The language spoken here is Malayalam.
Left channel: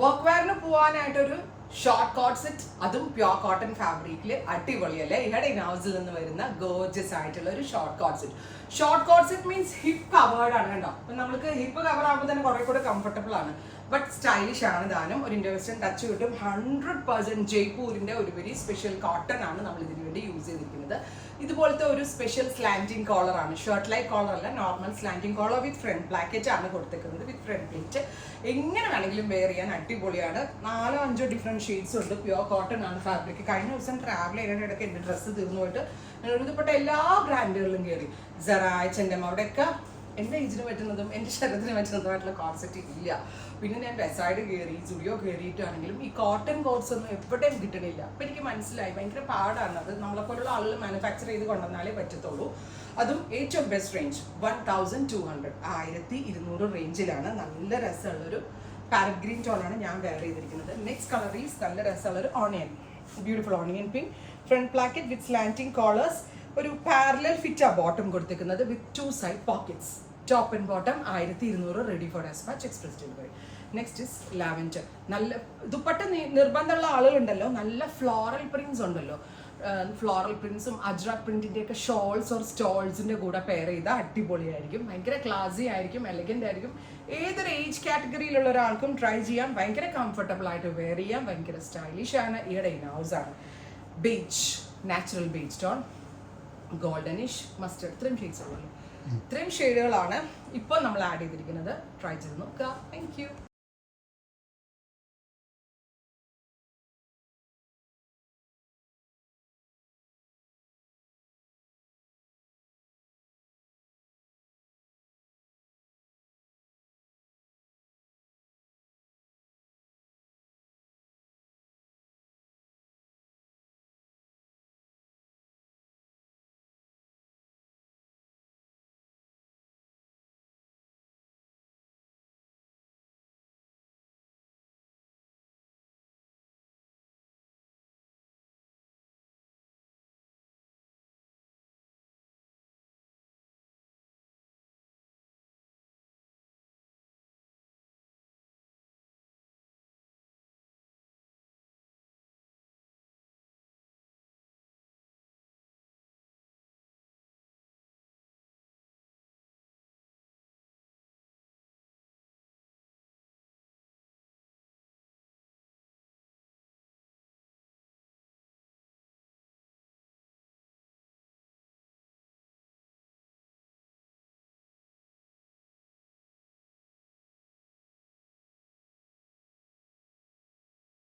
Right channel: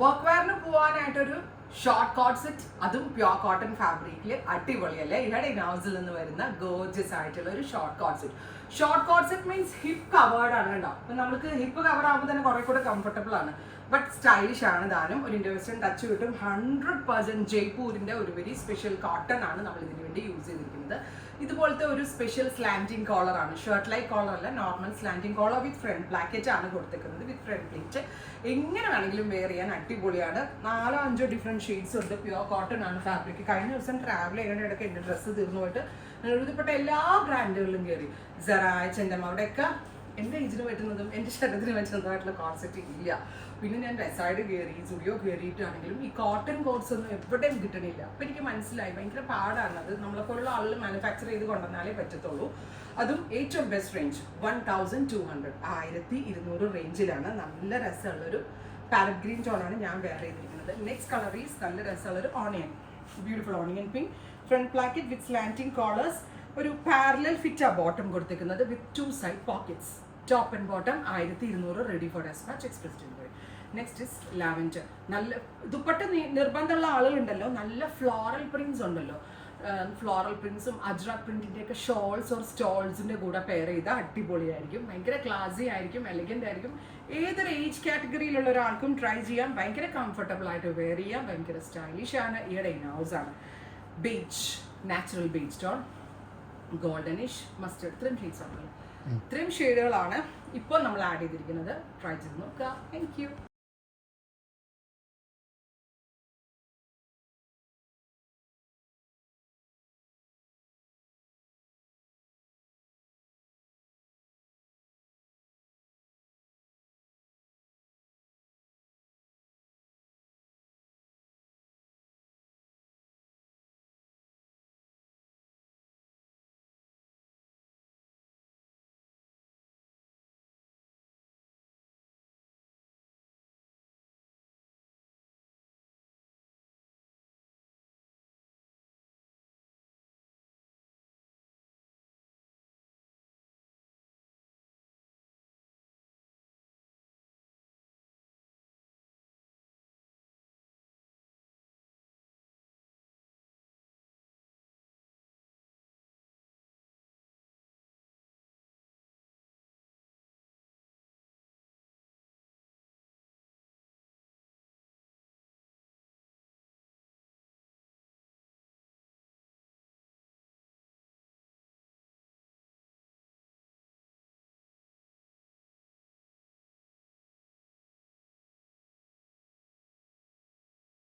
വർക്ക് വെയറിന് പോകാനായിട്ടൊരു ഷോർട്ട് കോട്ട് സെറ്റ്, അതും പ്യോർ കോട്ടൺ ഫാബ്രിക്കിൽ അടിപൊളിയല്ലേ. ഇവിടെ ഇനൗസിൽ നിന്ന് വരുന്ന ഗോർജസ് ആയിട്ടുള്ള ഒരു short coat set. Short coat set means hip covered ആണ് കേട്ടോ. അപ്പം നമുക്ക് ഹിപ്പ് കവർ ആകുമ്പോൾ തന്നെ കുറെ കൂടെ കംഫർട്ടബിൾ ആണ്, ബട്ട് സ്റ്റൈലിഷ് ആണ് താനും. ഒരു ഇന്ത്യ വെസ്റ്റേൺ ടച്ച് കിട്ടും. 100% ജയ്പൂരിന്റെ ഒരു വെരി സ്പെഷ്യൽ കോട്ടൺ ആണ് നമ്മൾ ഇതിനു വേണ്ടി യൂസ് ചെയ്തിരിക്കുന്നത്. ഇതുപോലത്തെ ഒരു സ്പെഷ്യൽ സ്ലാൻഡിങ് കോളർ ആണ്, ഷർട്ട് ലൈക്ക് കോളർ അല്ല, നോർമൽ സ്ലാൻഡിങ് കോളർ വിത്ത് ഫ്രണ്ട് പ്ലാക്കറ്റ് ആണ് കൊടുത്തിരിക്കുന്നത്, വിത്ത് ഫ്രണ്ട് പ്ലേറ്റ്. എങ്ങനെ വേണമെങ്കിലും വെയർ ചെയ്യാൻ അടിപൊളിയാണ്. 4-5 ഡിഫറെന്റ് ഷെയ്ഡ്സ് ഉണ്ട്. പ്യോർ കോട്ടൺ ആണ് ഫാബ്രിക്. കഴിഞ്ഞ ദിവസം ട്രാവൽ ചെയ്യുന്ന ഇടയ്ക്ക് എൻ്റെ ഡ്രസ്സ് തീർന്നു പോയിട്ട് എഴുതപ്പെട്ട എല്ലാ ബ്രാൻഡുകളിലും കയറി. സെറ, H&M, അവിടെയൊക്കെ എൻ്റെ ഏജിന് പറ്റുന്നതും എൻ്റെ ശരീരത്തിന് പറ്റുന്നതുമായിട്ടുള്ള കോൺസെപ്റ്റ് ഇല്ല. പിന്നെ ഞാൻ വെസൈഡ് കയറി, സ്റ്റുഡിയോ കയറിയിട്ടാണെങ്കിലും ഈ കോട്ടൺ കോട്ട്സ് ഒന്നും എവിടെയും കിട്ടണില്ല. അപ്പം എനിക്ക് മനസ്സിലായി ഭയങ്കര പാടാണ്. അത് നമ്മളെപ്പോലുള്ള ആളുകൾ മാനുഫാക്ചർ ചെയ്ത് കൊണ്ടുവന്നാലേ പറ്റത്തുള്ളൂ. അതും ഏറ്റവും ബെസ്റ്റ് റേഞ്ച് 1200, 1200 റേഞ്ചിലാണ്. നല്ല രസമുള്ളൊരു പാരറ്റ് ഗ്രീൻ ടോണാണ് ഞാൻ വെയർ ചെയ്തിരിക്കുന്നത്. നെക്സ്റ്റ് കളർ ഈസ് നല്ല രസമുള്ളൊരു onion, beautiful onion pink. Front placket with slanting collars. ഒരു പാരലൽ ഫിറ്റാ ബോട്ടം കൊടുത്തിരിക്കുന്നത് with 2 side pockets. Top and bottom 1200, ready for despatch, express delivery. Next is lavender. നല്ല ദുപ്പട്ട നിർബന്ധമുള്ള ആളുകളുണ്ടല്ലോ, നല്ല ഫ്ലോറൽ പ്രിന്റ്സ് ഉണ്ടല്ലോ, ഫ്ലോറൽ പ്രിന്റ്സും അജ്രക് പ്രിന്റിന്റെ ഒക്കെ ഷോൾസ് ഓർ സ്റ്റോൾസിന്റെ കൂടെ പെയർ ചെയ്താൽ അടിപൊളിയായിരിക്കും. ഭയങ്കര ക്ലാസി ആയിരിക്കും, എലഗന്റ് ആയിരിക്കും. ഏതൊരു ഏജ് കാറ്റഗറിയിലുള്ള ഒരാൾക്കും ട്രൈ ചെയ്യാം. ഭയങ്കര കംഫർട്ടബിൾ ആയിട്ട് വെയർ ചെയ്യാം. ഭയങ്കര സ്റ്റൈലിഷ് ആണ്. ഈയുടെ ഇനൗസ് ആണ് beige, natural beige tone, goldenish, mustard, ഇത്രയും ഷെയ്ഡുകളാണ് ഇപ്പോൾ നമ്മൾ ആഡ് ചെയ്തിരിക്കുന്നത്. ട്രൈ ചെയ്ത് നോക്കുക. Thank U.